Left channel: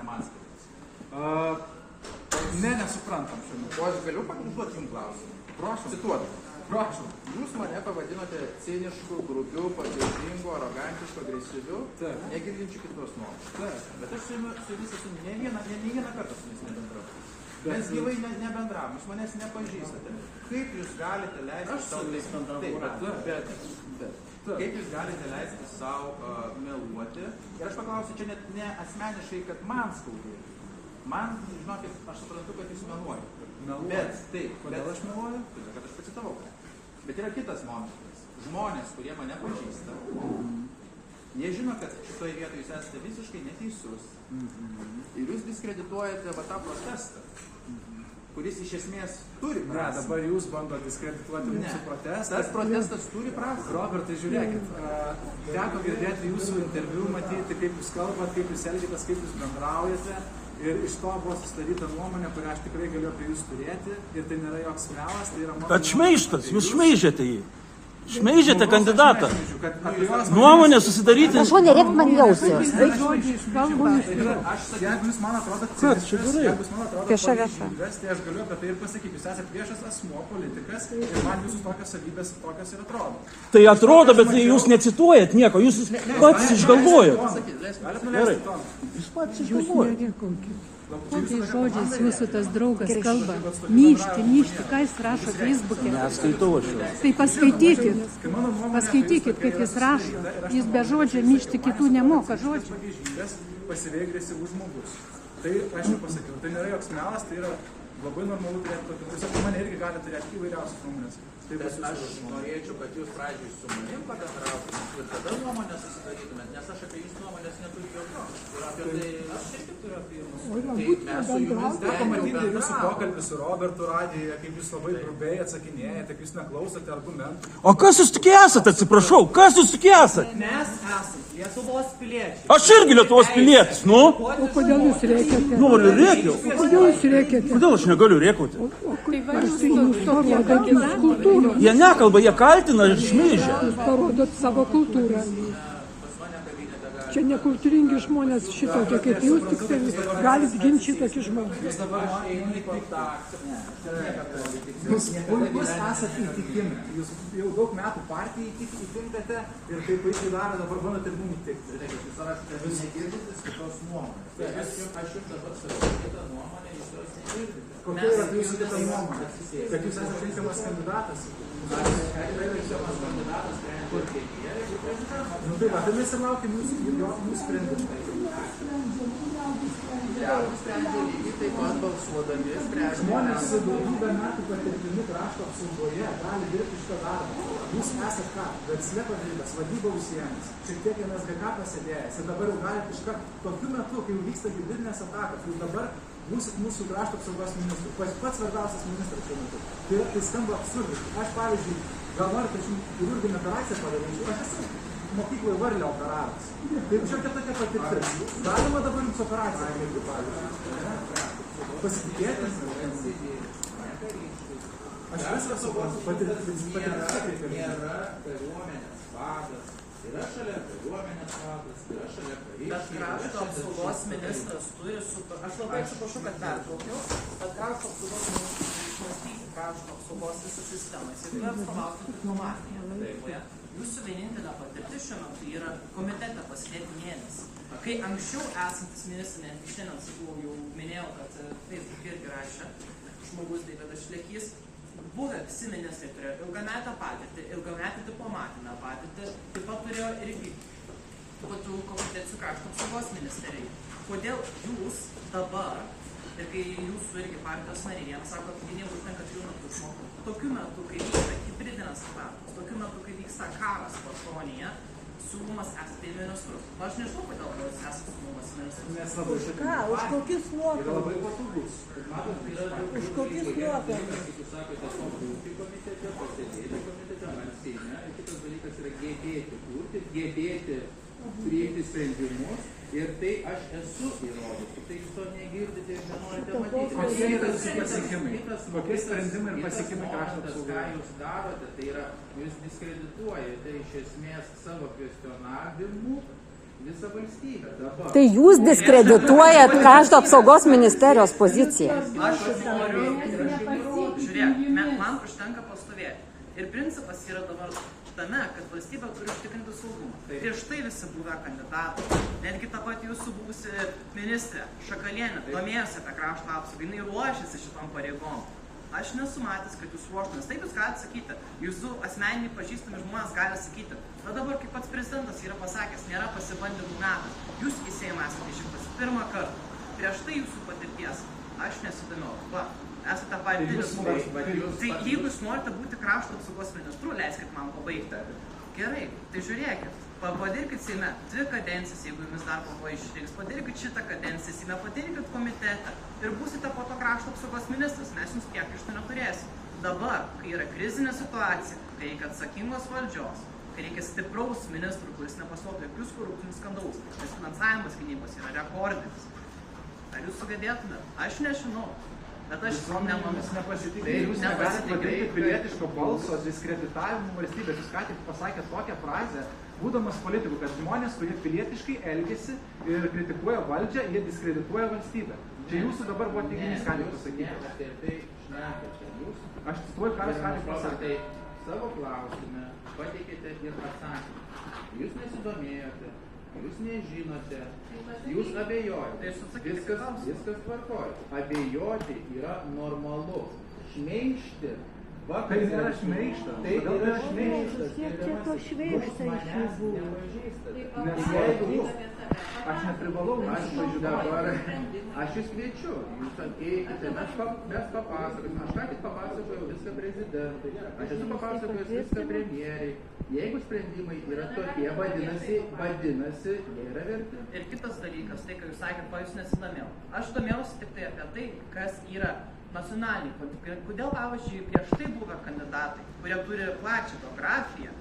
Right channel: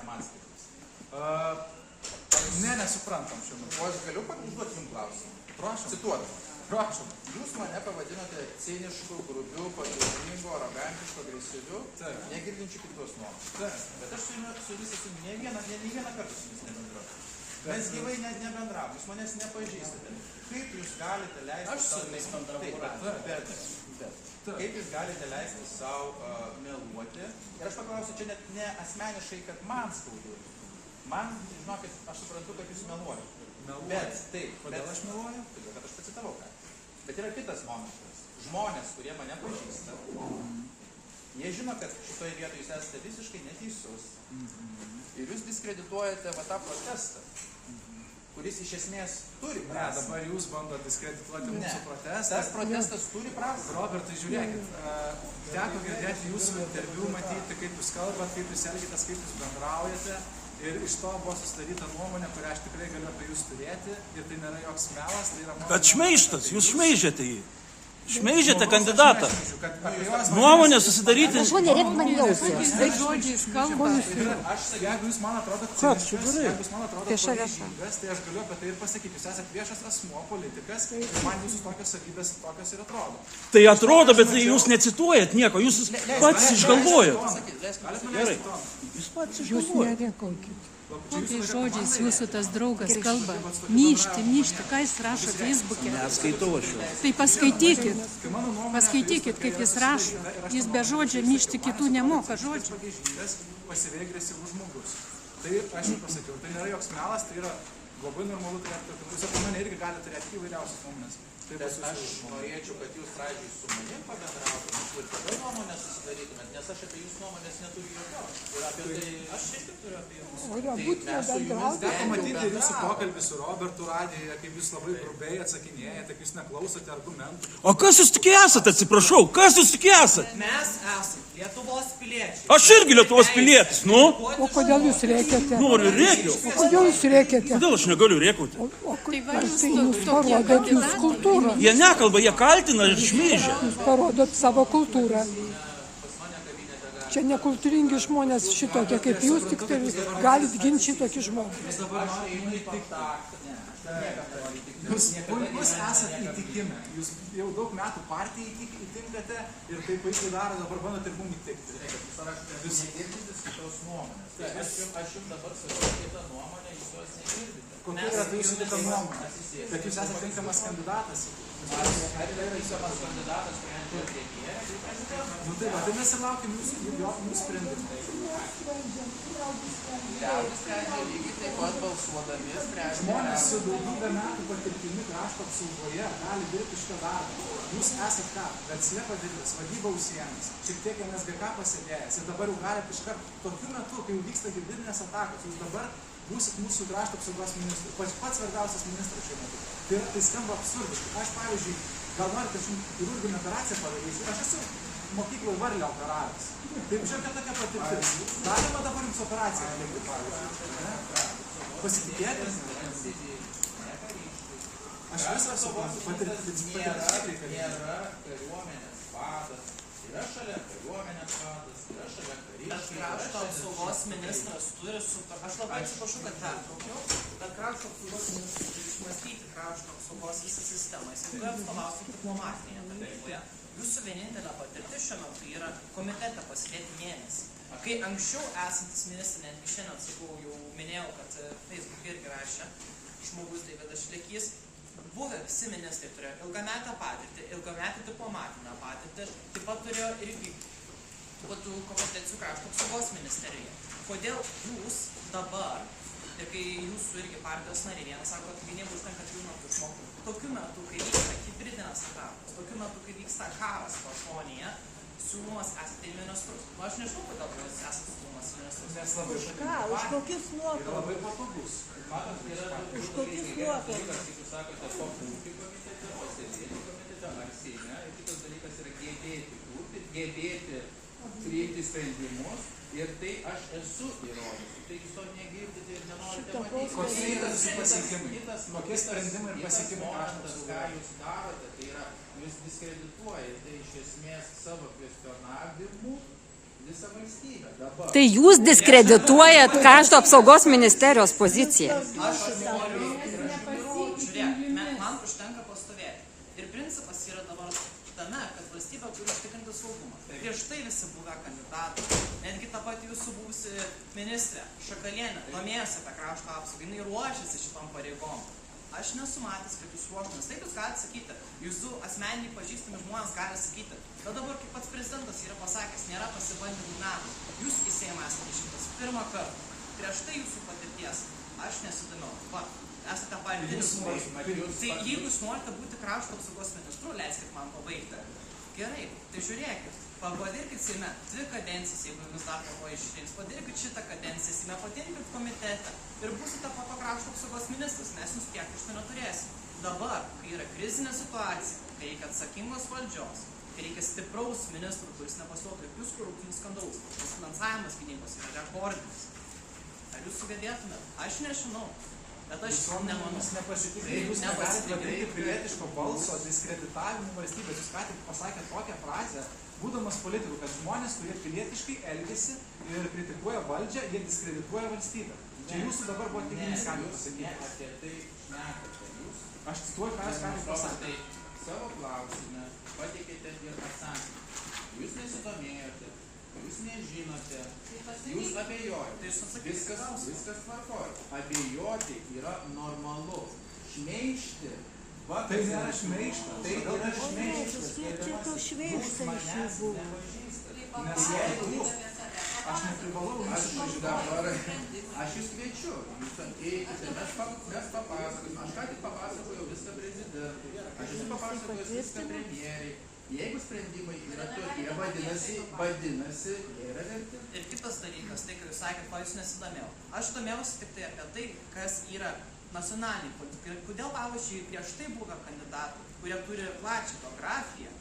ne man skirtas. Nesuprantam šiandien. O aš galiu užduoti jums klausimą? Prašom. Cituoju. Prašom. Jūs mane pavadinote cinišku, grubiu, pagėdingu, arogantišku, agresyviu, negirdinčiu kitos nuomonės. Bet aš su jumis esu ne vieną kartą su jumis nebendrauju. Mes gyvai nebendravom, jūs manęs nepažįstate. Kaip jūs galite leisti savo... Kaip jūs galite leisti savo meluoti? Ir aš paklausiu, čia net ne asmeniškai, kad man skaudu. Man, žinokit, aš suprantu, kad jūs meluojate. Bet taip, kodėl aš meluoju? Todėl, kad aš pacitavau. Bet yra kitas momentas. Žmonės, kurie mane pažįsta, jie žino, kad šitoje vietoje jūs esate visiškai neteisus. Ir jūs diskredituojate va tą protestą, kuris iš esmės turi prasmę. Dabar jūs bandote diskredituoti mūsų protestą. Tas protestas turi prasmę. Robertai, žiūrėkit, teko girdėti jūsų interviu, matyti, kaip jūs kalbate, kaip jūs elgitės, kaip jūs bendraujate. Ir iš to buvo sustaryta nuomonė, kurią aš tikrai galiu apie jūs turėti. Ir tai nėra joks melas, tai yra mano... Bet šmeižtas, jūs šmeižėte jį. Šmeižėte kandidatą. Nuomonė susidaryti... Prašau, nerėk man jausios. Žodžiais kalba. Jeigu jūs man atrodo Vieša. tai aš galiu apie tai ir pasakyti. Jūs esate viešas asmuo, politikas, ir man jūsų tokios savybės tokios ir atrodo. Tai atrodo, bet jūs necituojat nieko, jūs pats išgalvojat. Gerai. Jūs nerėkaukit. Kokiais žodžiais jūsų tas draugas kalba? Myšti, ką jis rašo Facebook'e? Neskaitau aš jo. Tai paskaitykit, kaip jis rašo. Jis be žodžio myšti kitų nemoka žodžių. Pasyviai agresyvus žmogus. Tai aš jau pasakiau, tai nėra joks melas, tai yra labai normalu turėti, tiesiog mane irgi gali turėti įvairiausias nuomonės. Bet aš norėčiau, kad jūs pradžiai su manim pabendrautumėt ir tada nuomonę susidarytumėt, nes aš apie jūsų nuomonės neturiu jokios. Ir apie tai aš irgi turiu apie jūsų. Tai mes su jumis Teko matyti jūsų pokalbį su Robertu radijoje, kaip jūs labai grubiai atsakinėjate, kaip jūs neklausote argumentų. O kas jūs tik esate, atsiprašau, kas jūs tik esate? Mes esame Lietuvos piliečiai. Aš irgi Lietuvos pilietis, nu? O kodėl jūs rėkiate? Noriu rėkiau. Kodėl jūs rėkiate? Kodėl aš negaliu rėkauti? Tai va, jūs tokie kandidatai. Jie nekalba, jie kaltina ir šmeižia. Jūs parodot savo kultūrą. Čia nekultūringi žmonės šitokie kaip jūs, tik tai galit ginti šitokį žmogų. Jūs esate įtikimi. Jūs jau daug metų partijai įtinkate ir taip puikiai daro, dabar bandote ir mum įtikti. Jūs negirdite kitos nuomonės. Aš jums dabar sakau kitą nuomonę, jūs jos negirdite. Kokia yra jūsų kita nuomonė? Bet jūs esate tinkamas kandidatas. Ar yra tinkamas kandidatas, sprendžia premjerė ir prezidentas? Nu taip, tai mes ir laukiam jūsų sprendimų. Sprendžia lygiai taip pat balsuodami, sprendžia. Žmonės su daugybę metų patirtimi krašto apsaugoje gali dirbti šitą darbą. Jūs esate ką? Versle padirbęs, vadyba užsiėmęs, šiek tiek NSGK pasėdėjęs. Ir dabar jau galite iškart tokiu metu, kai jau vyksta hibridinės atakos, jūs dabar būsit mūsų krašto apsaugos ministrų. Pats svarbiausias ministras šiuo metu. Tai skamba absurdiškai. Aš, pavyzdžiui, gal noriu, kad jums chirurginę operaciją padarysiu. Aš esu mokykloje Varlę operavęs. Taip, šiokia tokia patirtis. Galima dabar jums operaciją atlikti, pavyzdžiui. Pasitikėti? Aš visą suprantu. Patirtis. Nėra kariuomenės vadas. Yra šalia kariuomenės vadas, yra šalia kariškiai. Bet krašto apsaugos ministras turi aš labai atsiprašau, kad pertraukiau, bet krašto apsaugos ministras turi išmąstyti krašto apsaugos visą sistemą. Jis turi atstovauti diplomatinę. Jūsų vienintelė patirtis šiuo metu yra komitete pasidėti mėnesį. Kai anksčiau esantis ministras, netgi šiandien sakau, jau minėjau, kad Facebook irgi rašė, žmogus Deividas Šlekys, buvę visi ministrai turėjo ilgametę patirtį, ilgametę diplomatinę patirtį, taip pat turėjo irgi komitetų krašto apsaugos ministerijai. Kodėl jūs dabar, ir kai jūsų irgi partijos nariai, jiems sako, kad jeigu užtenka 3 metų išmokti, tokiu metu, kai vyksta hibridinės atakos, tokiu metu, kai vyksta karas pašonėje, siūlomas esate į ministrus. O aš nežinau, kodėl jūs esate siūlomas į ministrus. Nes labai Ką? Už kokius yra nuopelnus? labai patogus. Už kokius nuopelnus? Jūs sakote, konfliktai komitete, pasėdėti komitete, man Seime. Ir kitas dalykas yra gebėti kurti, gebėti priimti sprendimus. Ir tai aš esu įrodęs. Tik tai jūs to negirdite ir nenorite matyti. Kokie yra jūsų pasiekimai? Kokie sprendimai ir pasiekimai krašto apsaugos? Ką jūs darote, tai yra, jūs diskredituojate iš esmės savo kvestionavimu visą valstybę. Dabar. Tai jūs diskredituojat krašto apsaugos ministerijos poziciją. Aš noriu, žiūrėk, man užtenka pastovėti. Ir principas yra dabar tame, kad valstybė turi užtikrinti saugumą. Prieš tai visi buvę kandidatai, netgi ta pati jūsų buvusi ministrė Šakalienė domėjosi apie krašto apsaugą, jinai ruošiasi šitom pareigom. Aš nesu matęs, kad jūs ruoštumės. Taip jūs galite sakyti, jūsų asmeniniai pažįstami žmonės gali sakyti, bet dabar kaip pats prezidentas yra pasakęs, nėra pasibandymų metų. Jūs į Seimą esate išrinktas pirmą kartą. Prieš tai jūsų patirties aš nesidomiau. Va, esate partinis. Tai jeigu jūs norite būti krašto apsaugos ministru, leiskit man pabaigti. Gerai, tai žiūrėkit, padirbkit Seime 2 kadencijas, jeigu jumis dar po išrinks, padirbkit šitą kadenciją Seime, padirbkit komitete ir būsite po to krašto apsaugos ministras, mes jums tiek iš to neturėsim. Dabar, kai yra krizinė situacija, kai reikia atsakingos valdžios, kai reikia stipraus ministrų, kuris nepasuotų jokius korupcinius skandalus, nes finansavimas gynybos yra rekordinis. Ar jūs sugebėtumėt? Aš nežinau. Bet aš nemanau. Jūs negalite padaryti pilietiško balso diskreditavimu valstybės. Jūs ką tik pasakėte tokią frazę, būdamas politikų, kad žmonės, kurie pilietiškai elgesi ir kritikuoja valdžią, jie diskredituoja valstybę. Čia jūsų dabar buvo teiginys, ką jūs pasakyti. Aš cituoju, ką jūs ką tik pasakėte. Savo klausime pateikėte ir atsakymą. Jūs nesidomėjote, jūs nežinote, jūs abejojate. Viskas tvarkoja. Abejoti yra normalu. Šmeižti. Tai nėra šmeižtas. Tai yra šmeižtas. Kiek čia to šmeižta iš jų buvo? Nes jeigu jūs, aš neprivalau jums pažinoti. Aš jūs kviečiu, jūs ateikite, mes papasakosim. Aš ką tik papasakojau viską prezidentui, aš esu papasakojęs viską premjeriai. Jeigu sprendimai yra tokie, vadinasi, jie yra verti. Ir kitas dalykas, tai, ką jūs sakėt, ko jūs nesidomėjau. Aš domėjausi tik tai apie tai, kas yra nacionaliniai politikai. Kodėl, pavyzdžiui, prieš tai buvę kandidatai, kurie turi plačią biografiją,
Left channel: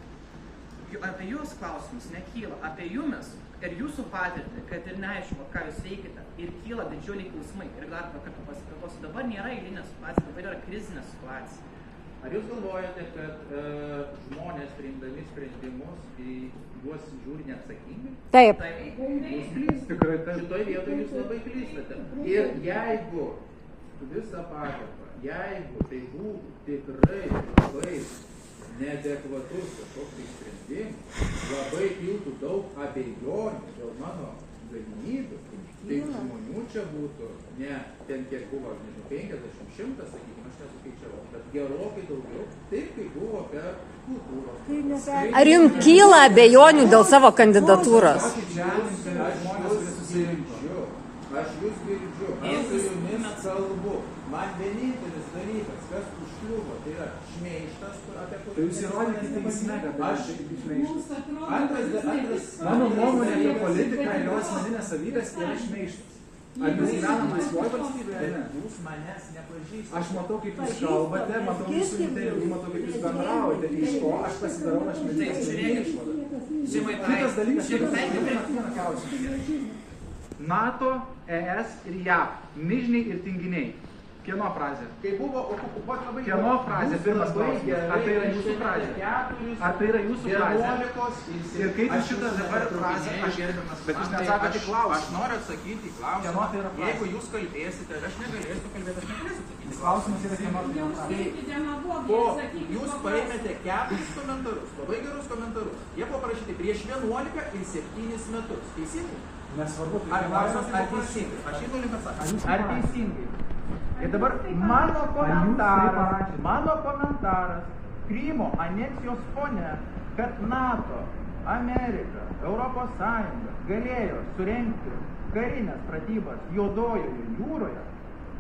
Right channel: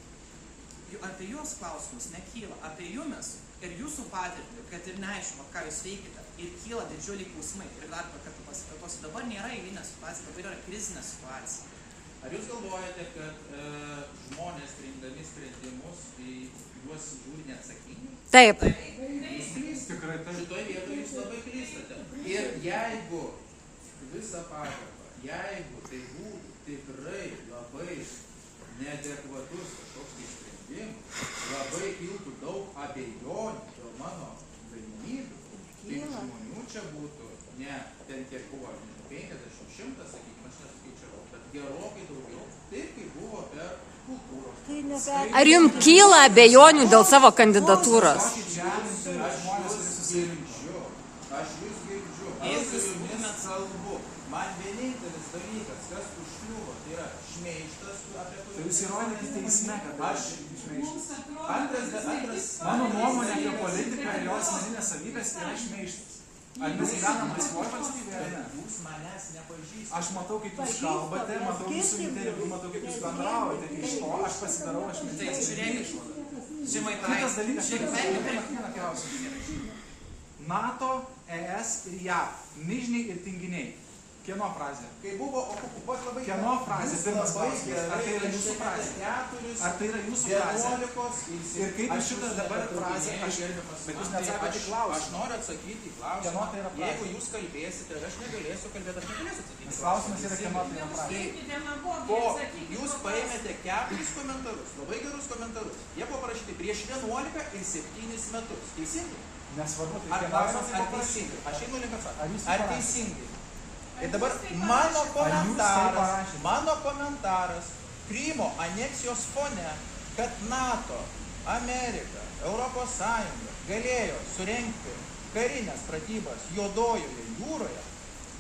apie jūs klausimus nekyla, apie jumis ir jūsų patirtį, kad ir neaišku, ką jūs veikite, ir kyla didžiuliai klausimai. Ir dar kartą pasikartosiu, dabar nėra eilinė situacija, dabar yra krizinė situacija. Ar jūs galvojate, kad žmonės priimdami sprendimus, juos žiūri neatsakingai? Taip. Jūs klystate. Šitoj vietoje jūs labai klystate. Ir jeigu visą pagarbą, jeigu tai būtų tikrai labai neadekvatus kažkoks sprendimas, labai kiltų daug abejonių dėl mano galimybių, tai žmonių čia būtų ne ten kiek buvo 50-100, sakykime, aš nesuskaičiavau, bet gerokai daugiau, taip kaip buvo per kultūros. Ar jums kyla abejonių dėl savo kandidatūros? Aš jūs girdžiu, aš su jumis kalbu. Man vienintelis dalykas, kas užkliuvo, tai yra šmeižtas, apie kurį... Tai jūs įrodykite teisme, kad aš šmeižtas. Antras... Mano nuomonė apie politiką ir jos asmeninės savybės yra šmeižtas. Ar mes gyvenam laisvoje valstybėje? Ne. Jūs manęs nepažįstate. Aš matau, kaip jūs kalbate, matau jūsų interviu, matau, kaip jūs bendraujate. Iš to aš pasidarau, aš mėginęs išvadą. Kitas dalykas, vieną klausimą. NATO, ES ir JAV. Mižniai ir tinginiai. Kieno frazė? Kai buvo okupuoti labai... Kieno frazė? Pirmas klausimas. Ar tai yra jūsų frazė? Ar tai yra jūsų frazė? Ir kaip jūs šitą dabar frazę, bet jūs neatsakote į klausimą. Aš noriu atsakyti į klausimą. Kieno tai yra frazė? Jeigu jūs kalbėsite, aš negalėsiu kalbėti, aš negalėsiu atsakyti. Klausimas yra kieno tai yra frazė. Jūs paėmėte 4 komentarus, labai gerus komentarus. Jie buvo parašyti prieš 11 ir 7 metus. Teisingai? Nesvarbu. Ar teisingai? Aš einu link atsakymą. Ar teisingai? Ir dabar mano komentaras Krymo aneksijos fone, kad NATO, Amerika, Europos Sąjunga galėjo surengti karinės pratybas Juodojoje jūroje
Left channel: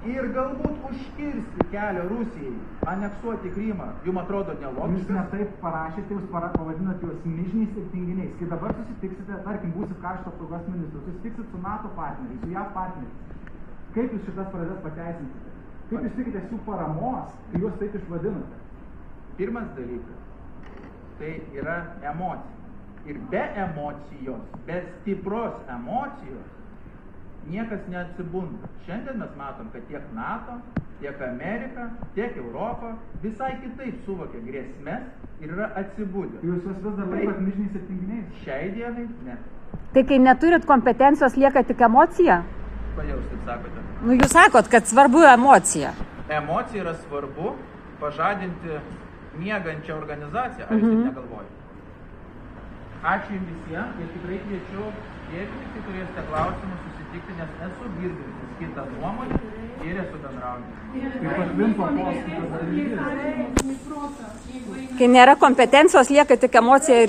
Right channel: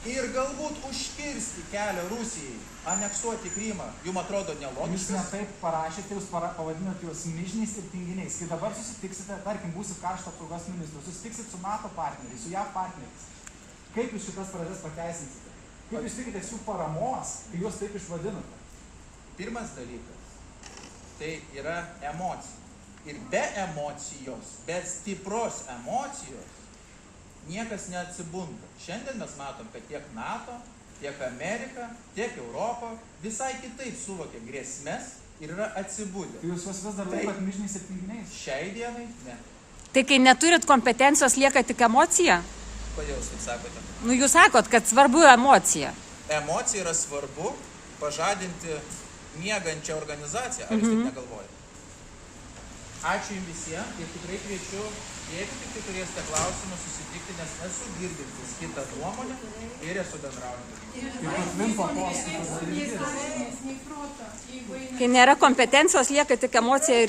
ir galbūt užkirsti kelią Rusijai aneksuoti Krymą, jums atrodo nelogiškas? Jūs ne taip parašėte, jūs pavadinat juos mižniais ir tinginiais. Kai dabar susitiksite, tarkim, būsit krašto apsaugos ministru, susitiksit su NATO partneriais, su JAV partneriais. Kaip jūs šitas frazes pateisinsite? Kaip jūs tikitės jų paramos, kai juos taip išvadinote? Pirmas dalykas, tai yra emocija. Ir be emocijos, be stipros emocijos, niekas neatsibunda. Šiandien mes matom, kad tiek NATO, tiek Amerika, tiek Europa visai kitaip suvokia grėsmes ir yra atsibudę. Jūs juos vis dar laikot mižniais ir tinginiais? Šiai dienai ne. Tai kai neturit kompetencijos, lieka tik emocija? Kodėl jūs taip sakote? Nu, jūs sakot, kad svarbu emocija. Emocija yra svarbu pažadinti miegančią organizaciją. Ar jūs taip negalvojate? Ačiū jums visiems ir tikrai kviečiu, jeigu tik turėsite klausimų, susitikti, nes esu girdintis kitą nuomonę ir esu bendraujantys. Kaip atvimpo postas. Kai nėra kompetencijos, lieka tik emocija ir